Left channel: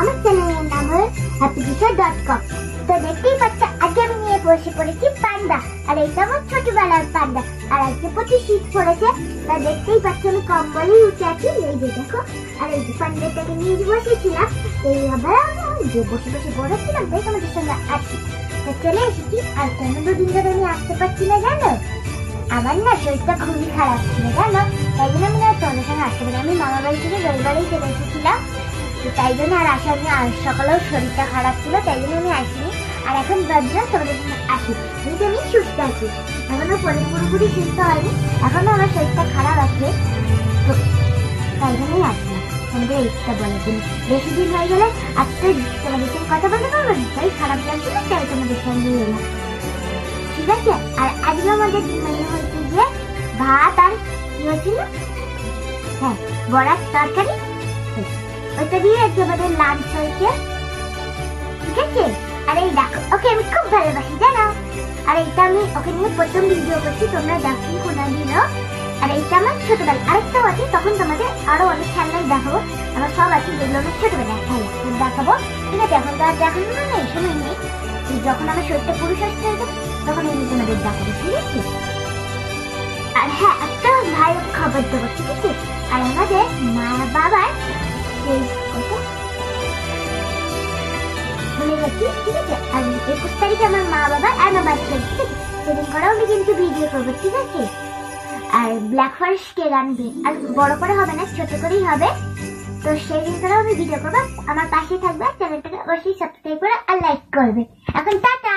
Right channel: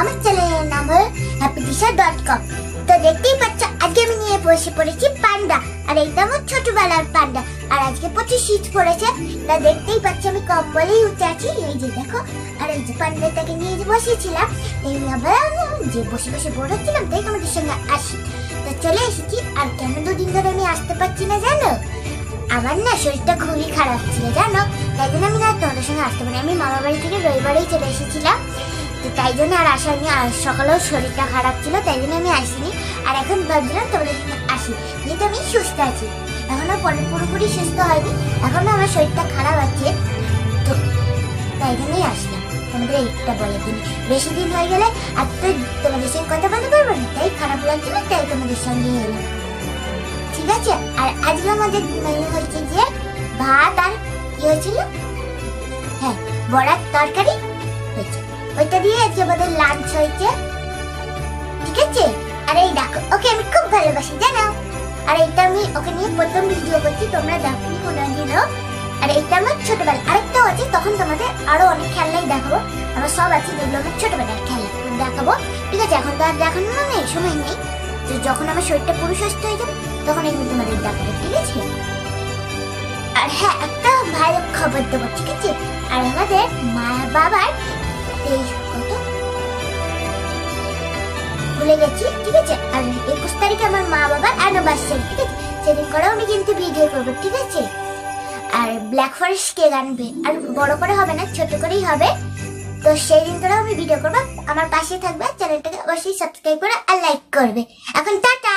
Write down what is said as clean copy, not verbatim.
আমার চ্যানেলের নাম হলো happydisha.com। তো দেখতেই পাচ্ছ আজকে আমি নিয়ে বসে পড়েছি পান্ডা, আর এইটা আমার ছোটবেলার পান্ডা। আর আজকে প্রচুর শীত পড়েছে, তা দেখতেই পাচ্ছ আমি কম্বলেই উঠে আছি, এই যে দেখো। আর এই যে পান্ডাটাকে নিয়ে বসেছিলাম, এইভাবে যে বসে বসে বড় ছিলাম, তাই তোমাদের সঙ্গে আসি। তো চলে এসেছি। আর কেন দুদিন ধরে আমি আসতে পারছি না জানো? আমার না শরীরটা খুবই খারাপ ছিল জানো, তাই জন্য আমি না তোমাদের সঙ্গে আসতে পারি। আমি মামার বাড়ি থেকে রবিবারেই চলে এসেছিলাম, তাই জন্য আর আসা নিয়ে। আর সকালেও শরীরটা খারাপ ছিল, তাই জন্য আমি আসিনি। আর এখন ভাবছিলাম তোমাদের সঙ্গে আসি, কিন্তু আমি সুস্থ আছি, এখনো পুরোপুরি সুস্থ হয়নি, এখনো আমার শরীরটা খারাপ আছে। তো তাই জন্যই আসলাম তোমাদের এইটা বলে দিন। বেশি দিন হয়ে গেলে আর তো তোমাদের সঙ্গে কথা বলতে পারবো না, তাই খারাপ লাগছিল, তাই তোমাদের সঙ্গে এলাম, ঠিক আছে? আর আজকে আমাদের মেনু হচ্ছে যে ভাত আর কি হয়েছিল, হ্যাঁ বড়ার তরকারি হয়েছে, ওইটা দিয়ে আজকে আমাদের লাঞ্চ হয়েছে, ঠিক আছে? আর এই দেখো ওকে আমি খুব ভালোবাসি জানো, আর এইটা আমি ওকে নিয়ে প্রথম ভিডিও করছি, তোমরা দেখো কোনদিনও। আর এইটা আমার ছোটবেলা, আরেকটাও আছে, তখন তোমাদের আরো অনেক খেলনাই দেখাবো, আমার সব আছে যেগুলো আমার ছোটবেলার খেলা দেখাবো, ঠিক আছে? এখন তো আর দেখানো নেই, শুনে নেই, যখন আমার শরীরটা পুরো সুস্থ হয়ে যাবে তখন এই তোমাদের দেখাবো, ঠিক আছে? আর হ্যাঁ একটা ভালো খবর দেবো, ঠিক আছে? আর আমাদের মা বাবার ভুলে গেছি, ঠিক আছে? আর 21 তারিখে আমার মা বাবার অ্যানিভার্সারি, ঠিক আছে? সেদিন করেও আমি কিন্তু ভিডিও করবো, ঠিক আছে? আর ব্ল্যাক ফরেস্ট কেক আনবে, আর বড় করে হবে না, ছোট করেই হবে। তো সেই দিন করেও আমি ভিডিও করবো, আমার পাশে থাকবে, চ্যানেলটাকে অবশ্যই সাবস্ক্রাইব করে আর লাইক করবে। এখন টাটা।